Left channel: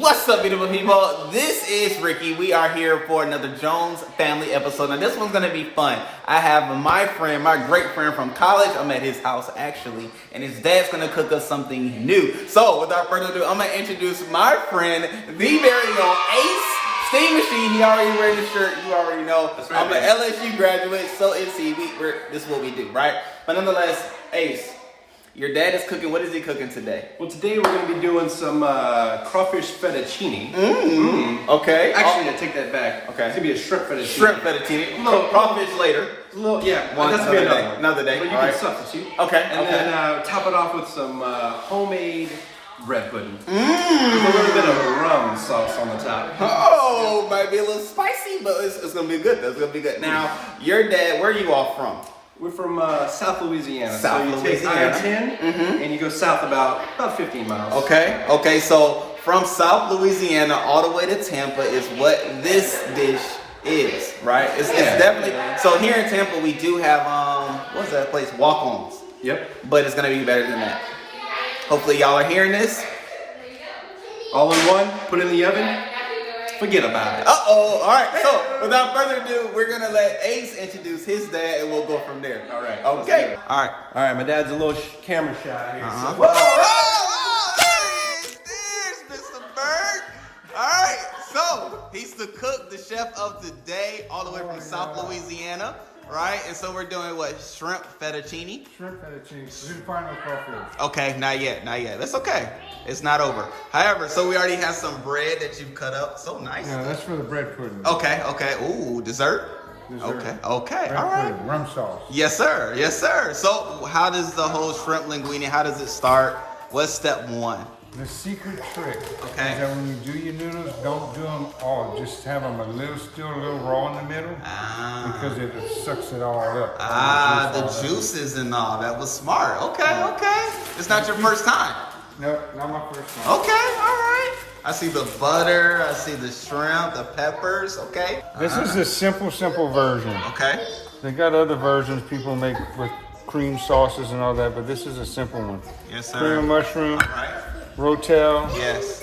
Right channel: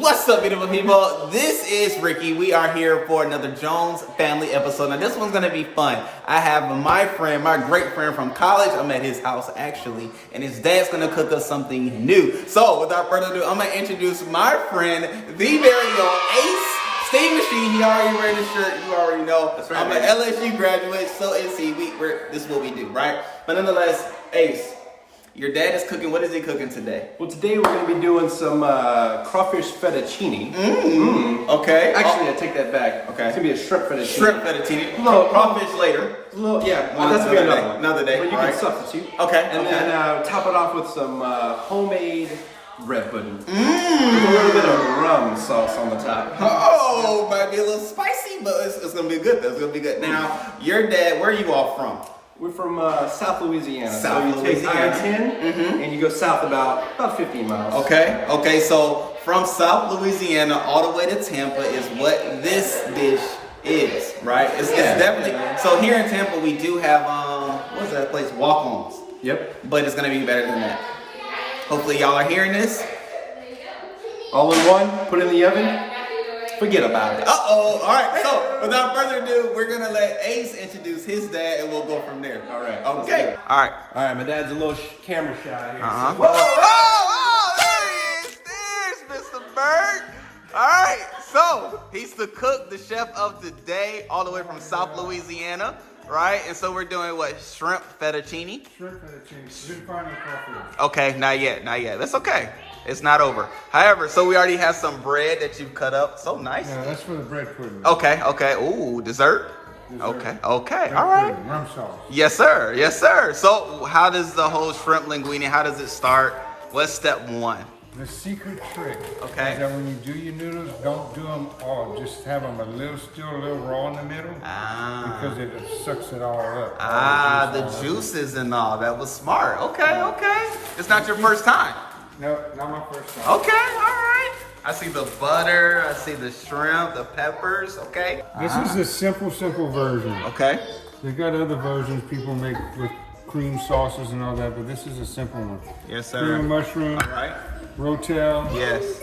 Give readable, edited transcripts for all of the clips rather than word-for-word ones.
What's up, beautiful people? This is Ricky. We are here for another Jones family episode. Now, this one's going to be fun. I have my friend, my great friend from college. I'm at his house, actually, and his dad's going to cook us something new. So, without further ado, I'm going to introduce my friend, the very own Ace Steam Machine. He already wearing the shirt. You already know. Right, I'm an LSU graduate, so is he. This is what we do, right? But nonetheless, Ace, your dad is cooking. What is he cooking today? Well, today we're going to be doing some crawfish fettuccine. Okay. Actually, I take that back. Okay. It's going to be a shrimp fettuccine. Shrimp fettuccine. Crawfish later. Yeah. Another day. But you can substitute. Okay. And then top it off with some homemade bread pudding. With a little bit of rum sauce on the top. Oh, might be a little spicy, but it's going to be good. That's going to be good. Now, your dad, where are you all from? We're from South Louisiana. South Louisiana. Take I-10, and you go south about 15 miles. Okay, so from South Louisiana all the way to Tampa is what this dish is, right? It's definitely. So here in Tampa we do have, what's that place? Walk-ons. Yep. But it's going to be better than that. Hopefully y'all are hearing this. All in one, put it in the oven. Forget about it. All right. So without further ado, we're gonna let Ace introduce his dad, and we'll go from there. All right. Okay. All right. My dad's a little camera shot here. Whoa! There's Mr. Bird. All right. So he's the cook, the chef of the day, all the way from South Louisiana. Right, and so we're doing what? Shrimp fettuccine? Shrimp fettuccine. Didn't find no crawfish. Okay, not yet. That's okay. It's not over. However, so we already have some bread that you've cut up. So nice. Yeah, that's for the bread pudding. Okay. Ooh, dessert? Okay. All right. Pudding, rum sauce. Yes, sir. So how does the whole shrimp linguine, how does it start? What's step one? The secret trick is Okay. that when you do your noodles, don't do them all. Just have them still a little raw in the middle. Because it sucks it all up. The juices and all. That was smart. Okay. It's not your first time. No, not my first time. Okay, all right. I see the butter. I see the shrimp, the peppers. Okay. This is the simple version. Okay. They got other versions people make with cream sauces and all that, but this is a simple one. Yes, sir. Cream mushroom, All right. rotel, Yes.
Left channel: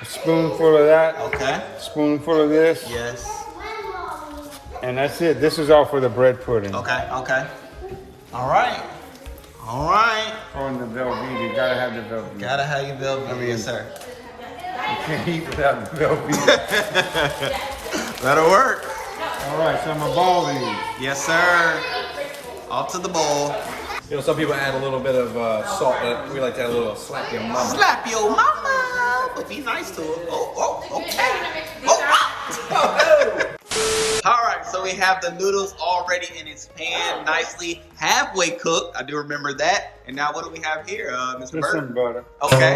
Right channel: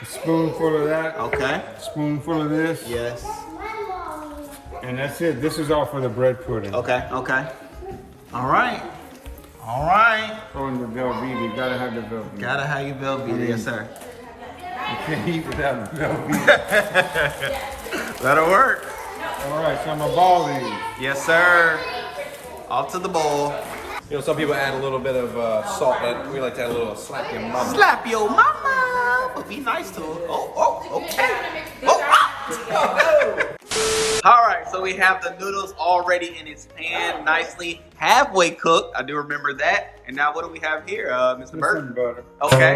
a spoonful of that, Okay. spoonful of this, Yes. and that's it. This is all for the bread pudding. Okay. All right. Oh, and the Velveeta, you gotta have the Velveeta. Gotta have your Velveeta, yes, sir. You can't eat without the Velveeta. That'll work. All right, so I'm gonna ball these. Yes, sir. Off to the bowl. You know, some people add a little bit of salt, but we like to add a little slap your mama. Slap your mama, but be nice to her. Okay. No. All right, so we have the noodles already in its pan, nicely halfway cooked. I do remember that. And now what do we have here, Mr. Just Bird? some butter. Okay.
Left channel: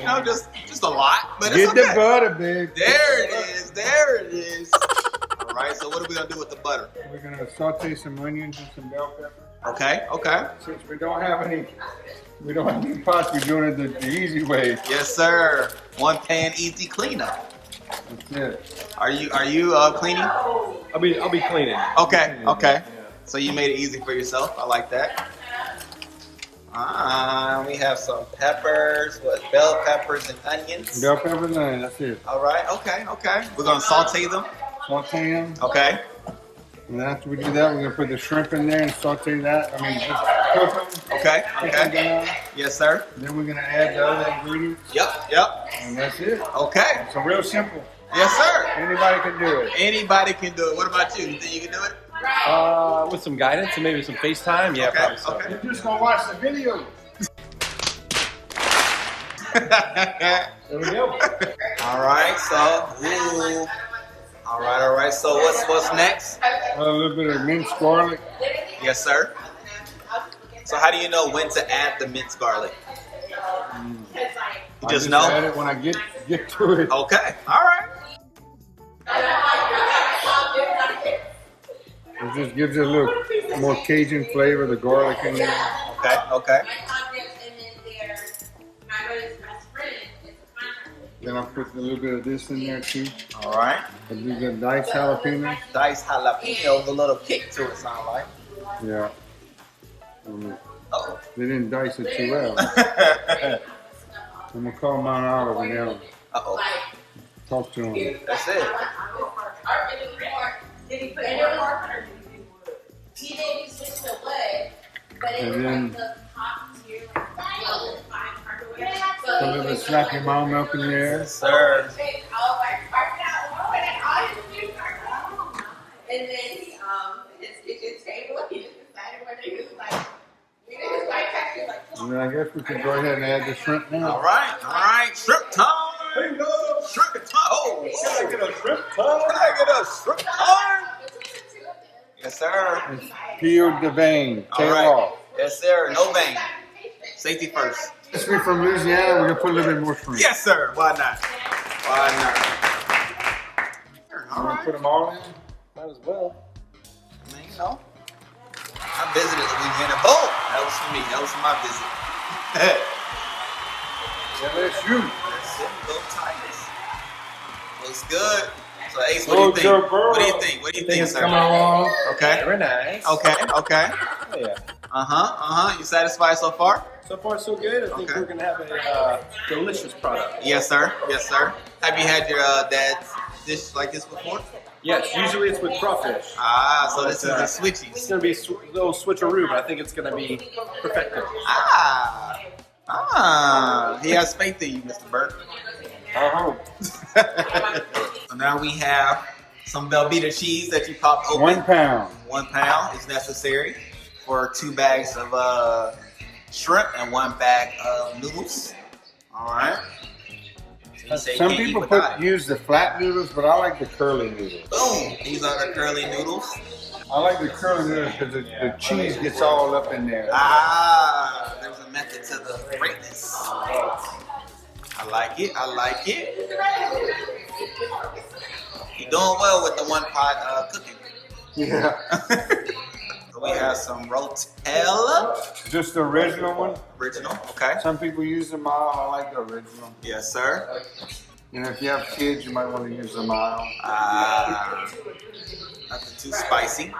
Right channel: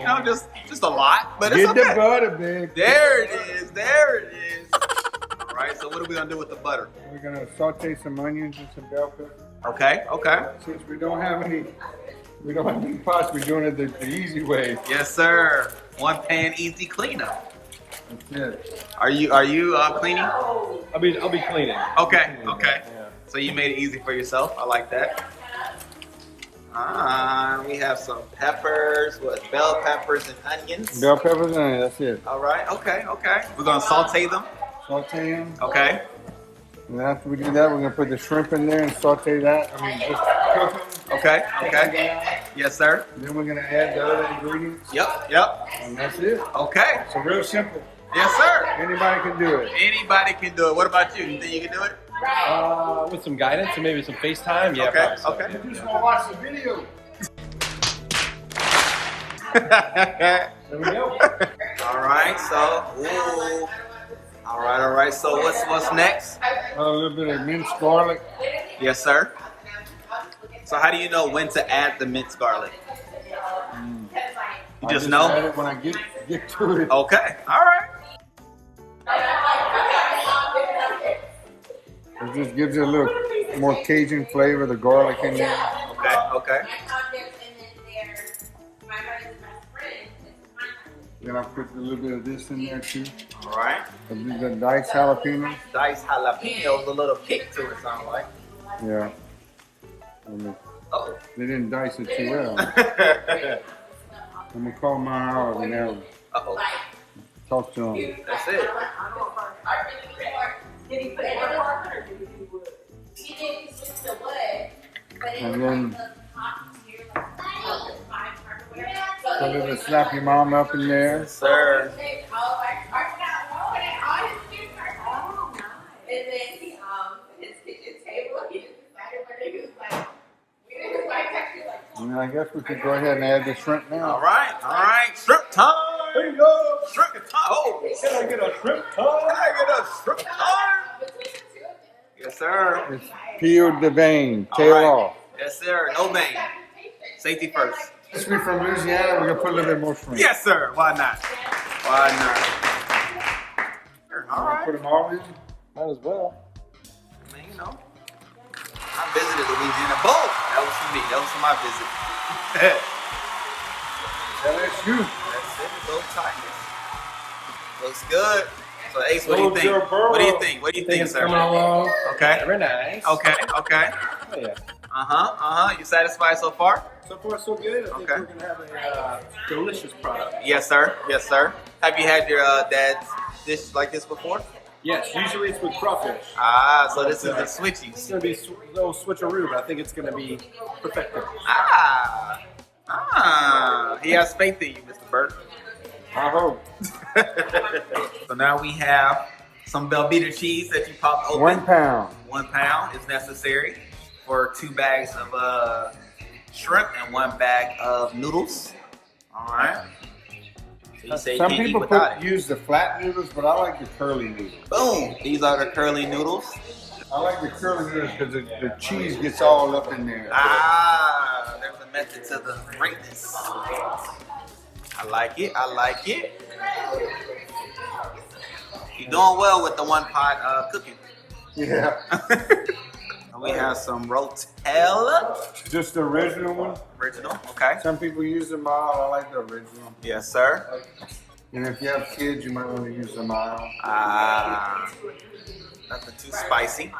You know, just a lot, but it's Get okay. the butter, babe. There it is. All right, so what are we gonna do with the butter? We're gonna saute some onions and some bell pepper. Okay. Since we don't have any pots, we're doing it the easy way. Yes, sir. One pan easy cleanup. That's it. Are you cleaning? I'll be cleaning. Okay. So you made it easy for yourself. I like that. We have some peppers, bell peppers and onions. Bell peppers and that's it. All right. Okay. We're gonna saute them. Saute them. Okay. And after we do that, we're gonna put the shrimp in there and saute that. Just cook them. Okay. Cook them down. Yes, sir. Then we're gonna add the other ingredients. Yep. And that's it. Okay. So real simple. Yes, sir. Anybody can do it. Anybody can do it. What about you? You think you can do it? With some guidance and maybe some FaceTime. Yeah, Okay, probably so. okay. You just gonna watch the video. There we go. All right. So, All right. So what's next? A little bit of minced garlic. Yes, sir. So how do you know when to add the minced garlic? You just know? Add it when I get to it. Okay. All right. It just gives it a little more Cajun flavor, the garlic in there. Okay. Then I'll put a little bit of this in there too. All right. The diced jalapenos. Diced jalapenos, a little kick to it, sound like. Yeah. Oh. They didn't dice it too well. I'm gonna call mine olive and that one. Uh-oh. Talk to him. That's it. And then a little bit slap your mom up in there. Yes, sir. And then his kitchen table, he just decided whether he was like, And then I guess we could go ahead and add the shrimp now. All right. Shrimp time. Shrimp time. Oh, Can I get a shrimp can I get a shrimp time? Yes, sir. It's peeled the vein, All tail right. off. Yes, sir. No vein. Safety first. Since we're from Louisiana, we're gonna put a little bit more shrimp. Yes, sir. Why not? Why not? All You wanna right. put them all in? Might as well. I mean, you know, I visited Louisiana. Boom! That was for me. That was for my visit. LSU. That's it. Go Tigers. Looks good. So, Ace, what do you think? Joe Burrow. What do you think? What do you think, It's sir? coming along. Okay. Very nice. Okay. Oh, yeah. You satisfied so far? So far, so good. I think Okay. we're gonna have a delicious product. Yes, sir. Yes, sir. Have you had your dad's dish like this before? Yes, usually it's with crawfish. Ah, so this is the It's switchies. gonna be a little switcheroo, but I think it's gonna be perfected. He has faith in you, Mr. Burke. I hope. So now we have some Velveeta cheese that you popped open. 1 pound. 1 pound is necessary for 2 bags of shrimp and 1 bag of noodles. All right. So you say you Some can't eat people without it. use the flat noodles, but I like the curly noodles. Boom. These are the curly noodles. I like the curly noodles because the cheese gets all up in there. There's a method to the greatness. I like it. I like it. You're doing well with the 1 pot cooking. Yeah. We have some Rotella. Just the original one. Original. Okay. Some people use the mild. I like the original. Yes, sir. And if you have kids, you might want to use the mild. Nothing too spicy.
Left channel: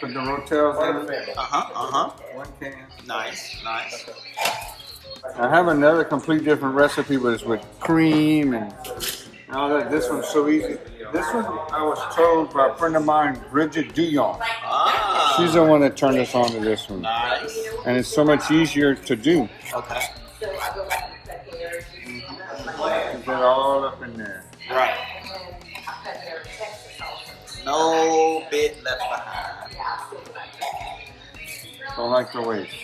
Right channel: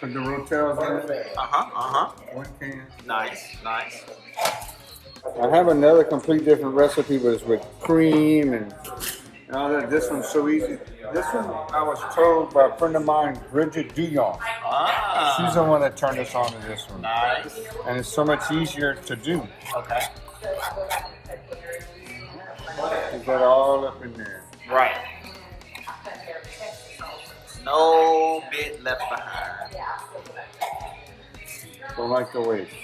Put the Rotels in it. 1 can. Nice. I have another complete different recipe, but it's with cream and all that. This one's so easy. This one I was told by a friend of mine, Bridget Duyon. She's the one that turned us on to this one. Nice. And it's so much easier to do. Okay. Is that all up in there? Right. No bit left behind. Don't like the waste.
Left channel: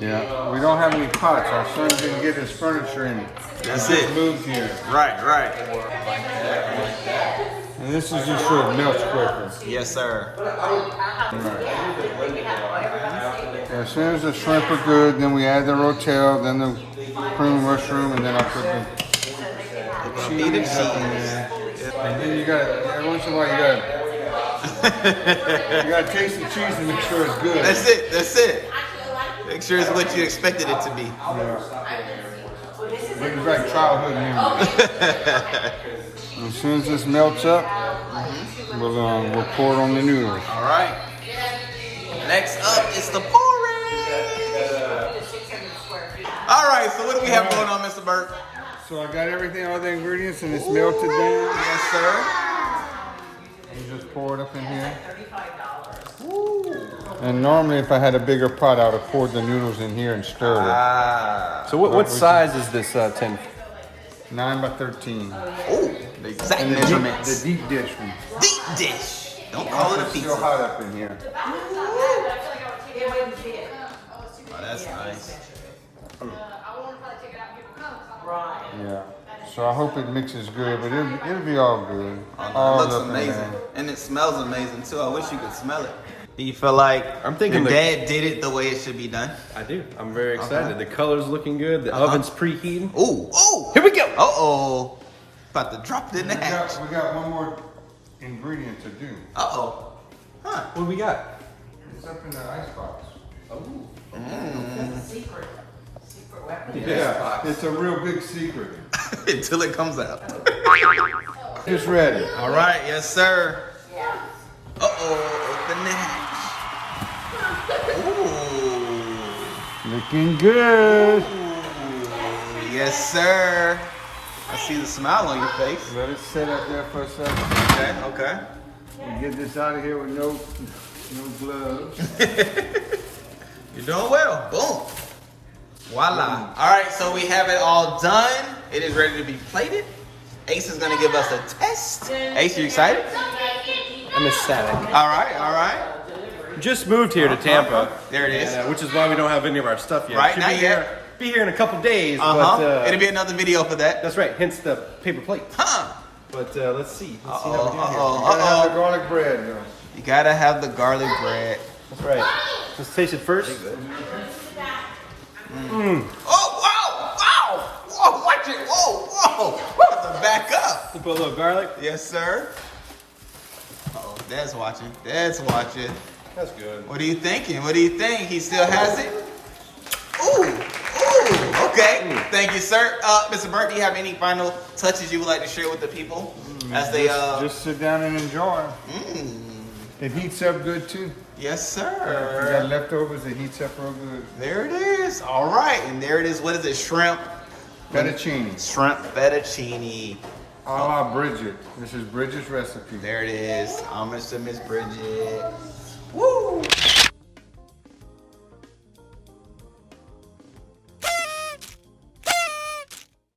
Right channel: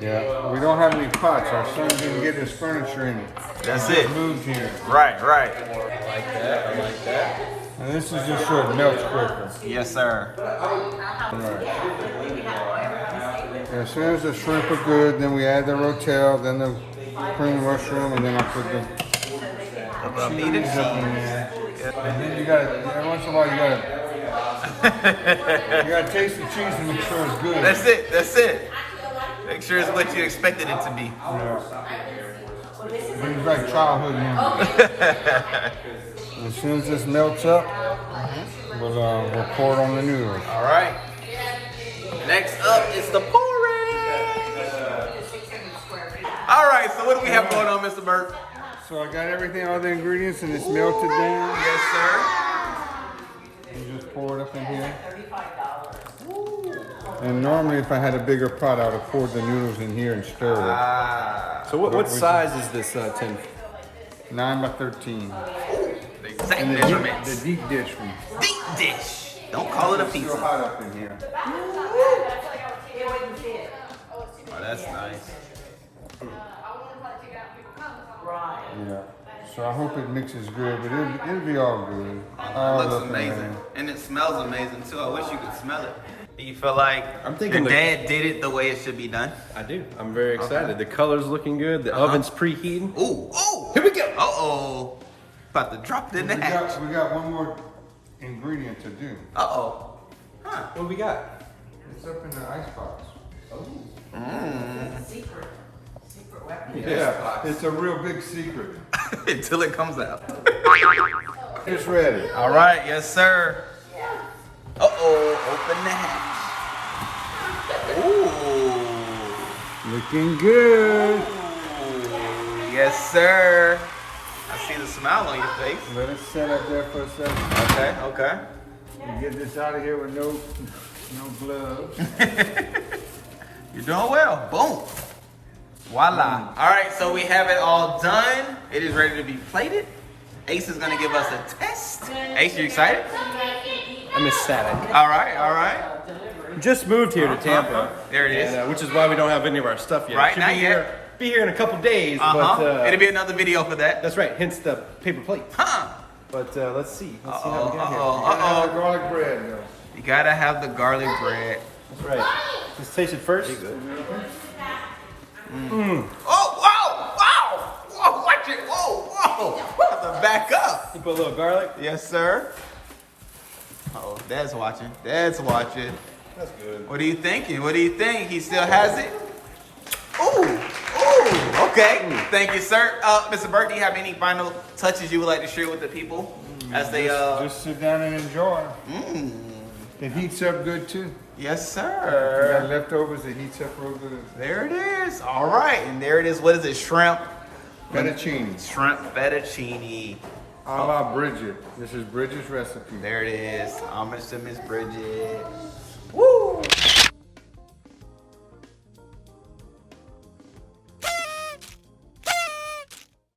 Yeah, we don't have any pots. Our son didn't get his furniture in it. That's He just it. moved here. Right. And this is just so it melts quicker. Yes, sir. Right. And as soon as the shrimp are good, then we add the rotel, then the cream mushroom, and then I'll put the Velveeta cheese up in cheese. there. And then you gotta, once in a while you gotta taste the cheese and make sure it's good. That's it. Make sure it's what you expected it to be. Yeah. Brings back childhood memories. As soon as this melts up, we'll pour it on the noodles. All right. Next up is the porridge. All right, so what do we have going on, Mr. Burke? So I got everything, all the ingredients, and it's melted down. Yes, sir. And just pour it up in here. And normally, if I had a bigger pot, I would have poured the noodles in here and stirred it. So what size is this tin? 9 by 13. The exact And the measurements. deep dish one. Deep dish. Don't call it a So pizza. hot up in here. Oh, that's nice. Yeah. So I hope it mixes good, but it'll be all good. All It looks up in amazing. there. And it smells amazing, too. I wish you could smell it. Do you feel like I'm thinking your the- dad did it the way it should be done? I do. I'm very excited. Okay. The color's looking good. The oven's preheating. Ooh. Here we go. Uh-oh. About to drop it in the hatch. We got one more ingredient to do. Uh-oh. Huh. What we got? It's up in the icebox. Yeah, it's a real big secret. Until it comes out. It's ready. All right. Yes, sir. Uh-oh. Open the hatch. Ooh. Looking good. Yes, sir. I see the smile on your face. Let it set up there for a second. Okay, okay. And get this out of here with no gloves. You're doing well. Boom. Voila. All right, so we have it all done. It is ready to be plated. Ace is gonna give us a test. Ace, you excited? I'm ecstatic. All right, all right. Just moved here to Tampa. There it is. And, which is why we don't have any of our stuff yet. Right, Should not be yet. Be here in a couple days. Uh-huh. But, It'll be another video for that. that's right. Hence the paper plate. Huh. But let's see. Let's see Uh-oh, how we do here. uh-oh. Gotta have the garlic bread though. You gotta have the garlic bread. That's right. Let's taste it first. Oh, wow, wow. Whoa, watch it. Whoa, whoa. We have to back up. Put a little garlic. Yes, sir. Uh-oh, Dad's watching. Dad's watching. That's good. What are you thinking? What do you think? He still has it? Ooh, ooh, okay. Thank you, sir. Mr. Burke, do you have any final touches you would like to share with the people as they Just sit down and enjoy. Mm, It heats up good too. yes, If you got sir. leftovers, it heats up real good. There it is. All right, and there it is. What is it? Shrimp. Fettuccine. Shrimp fettuccine. A la Bridget. This is Bridget's recipe. There it is. Homage to Miss Bridget. Woo!